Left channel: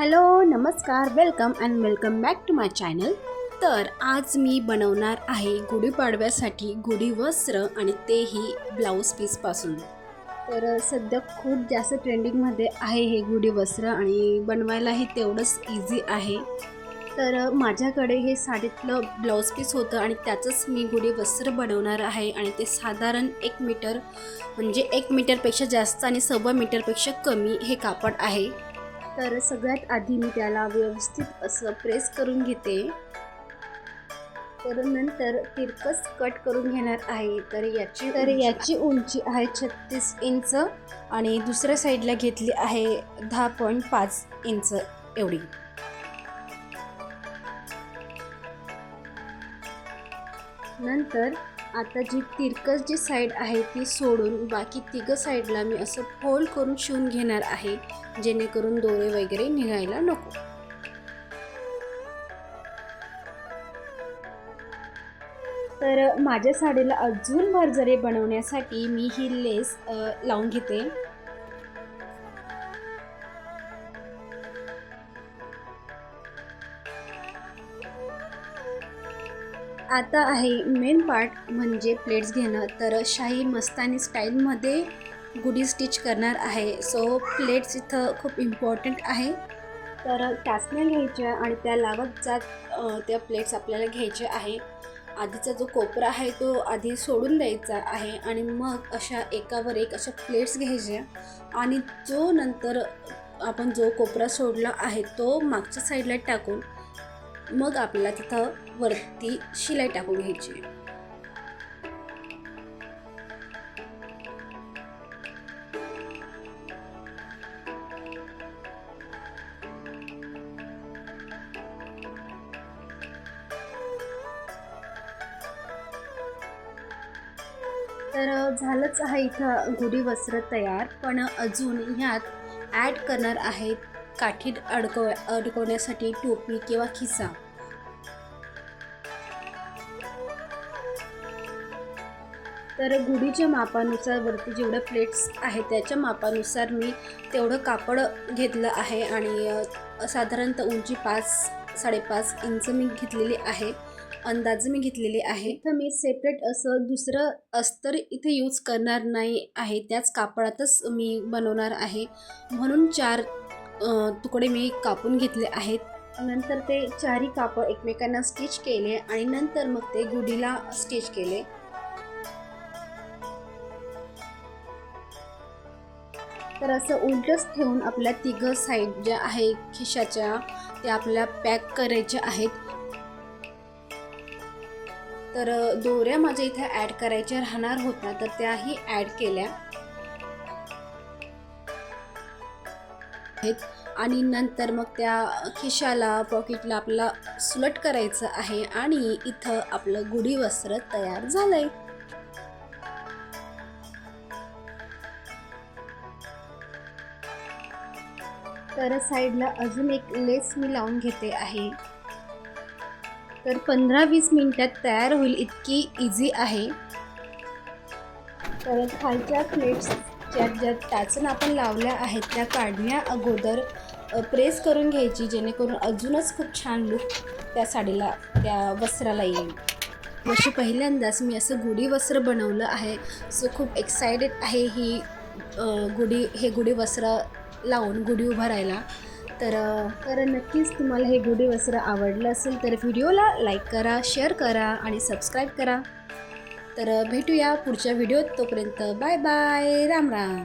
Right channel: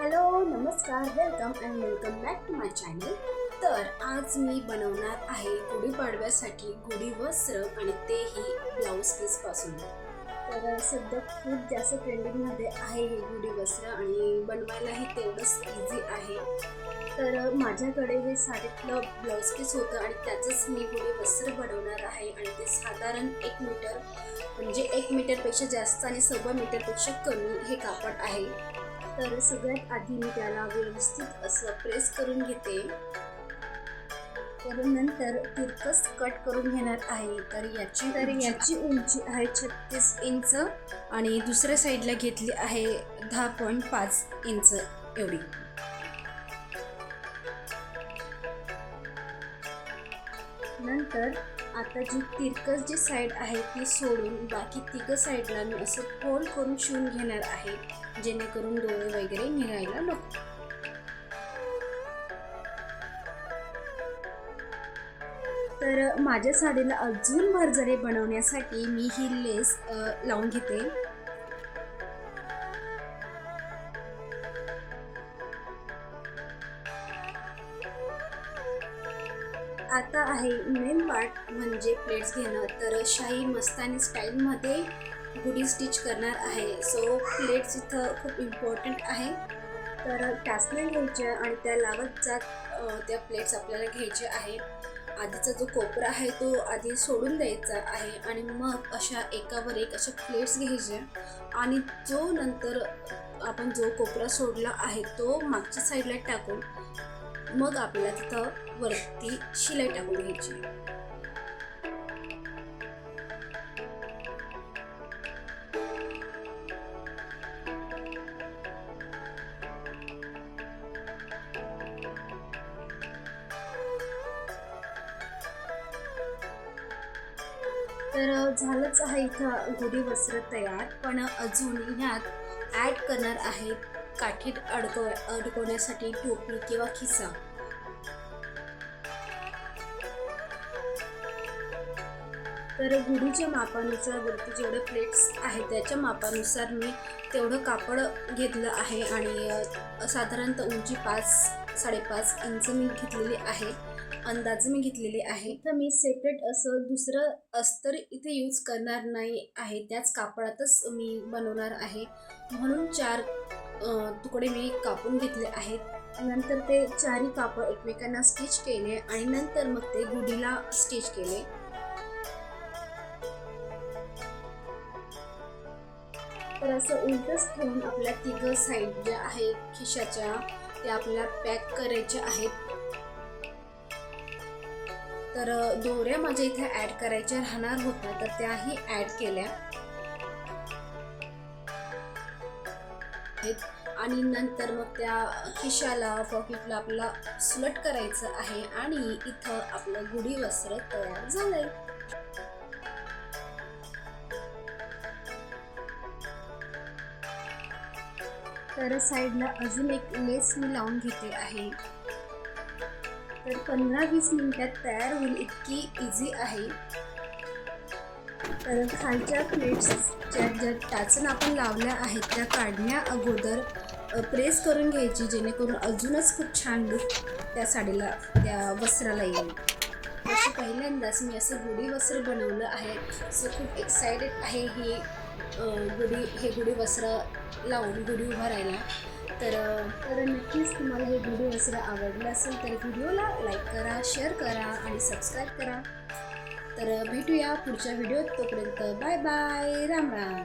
Hello नमस्कार welcome and welcome back to my channel. तर आज मी बनवणार आहे गुढीपाडव्यासाठी गुढी वस्त्र आणि तेही ब्लाऊज पीसपासून। तर सध्या खूप जास्त ट्रेंडिंगमध्ये आहे हे गुढी वस्त्र आणि बनवायलाही तेवढंच इझी आहे। तर माझ्याकडे हे साडीतलं ब्लाऊज पीस होतं आणि त्याचंच मी गुढी वस्त्र बनवणार आहे आणि ते साधारण 1 मीटर म्हणजे 1 मीटरपेक्षा जास्त आणि 1.25 मीटरपेक्षा कमी हे कापड आहे। तर सगळ्यात आधी मी त्याला व्यवस्थित असं प्रेस करून घेते। तर नंतर तिरकस कट करून घेणार आहे। तर याची उंची आहे 36 इंच आणि दुसऱ्या साईडला घेतली आहे 10.5 इंच एवढी। नंतर आता जी तिरकस जी साईड आहे ती सोडून बाकी तिघ साईडला मी असं फोल्ड करून शिवून घेणार आहे, जेणेकरून दोरे वगैरे निघायला नको। तर माझ्या साडीला अजून भरजरी बनवण्यासाठी मी ही लेस लावून घेते। आता आहे मेन पार्ट म्हणजे प्लेट्स घेणं। तर शाही मस्तानी स्टाईलमध्ये गुढी स्टिच करणार आहे, सो प्लेट्स इथं खूप इम्पॉर्टंट आहे। तर टाचण्या घ्यायच्या आणि त्या लावत जात त्या प्लेट्स आपल्याला घ्यायच्या आहे। आधीचा जो कोपरा आहे तो आधी सोडून द्यायचा आहे आणि मग अशा एकावर एक अशा प्लेट्स घ्यायच्या आणि जो नंतर आपण जो कोपरा सोडला आहे तो मागच्या साईडला टाकून मग आपल्याला तिथं वरती शिलाई टाकून घ्यायची। तर झालंच आहे इथं गुढी वस्त्र तयार, पण अजून ह्यात ॲड करणार आहेत काठीत अडकवण्यासाठी टोपी किंवा खिसा। तर गुढीच्या मापानुसार वरती जेवढे प्लेट्स आहेत त्याच्या मापानुसार मी तेवढं कापड घेतलं आहे आणि साधारणतः उंची 5-5.5 इंच मी घेतलेली आहे, अंदाजे मी घेतलेली आहे। तर मी सेपरेट असं दुसरं अस्तर इथे यूज करणार नाही आहे, त्याच कापडातच मी बनवणार आहे, म्हणून 4 तुकडे मी कापून घेतले आहेत। नंतर ते चारही कापड एकमेकांना स्टिच केले आणि नंतर मग ते गुढीला स्टिच केले। तर असं उलटच ठेवून आपल्या तिघ साईड ज्या आहे खिशाच्या त्या आपल्याला पॅक करायच्या आहेत। तर दोऱ्या माझ्या इथे ॲड करायच्या राहणार होत्या, तर त्याही ॲड केल्या आहेत आणि नंतर मग त्या खिशाला पॉकेटला आपल्याला सुलट करायचं आहे आणि इथं आपलं गुढी वस्त्र तयार झालंय। तर साईडला अजून एक लेस मी लावून घेते आहे। तर 15-20 मिनिटात तयार होईल इतकी इझी आहे। तर खालच्या प्लेट्सच्या ज्या टाचन आपण लावल्या आहेत त्या काढण्या अगोदर प्रेस करून घ्यायची, जेणेकरून अजूनच खूप छान लुक त्या साडीला त्या वस्त्राला येईल। जशी पहिल्यांदाच मी असं गुढी वस्त्र बनवलं आहे, सो खूप एक्सायटेड आहे ही गुढी वस्त्र लावून गुढी उभारायला। तर नक्कीच तुम्हाला हे गुढी वस्त्र आवडलं असेल तर व्हिडिओला लाईक करा, शेअर करा आणि सबस्क्राईब करा। तर भेटूया पुढच्या व्हिडिओत, तोपर्यंत बाय बाय, राम राम।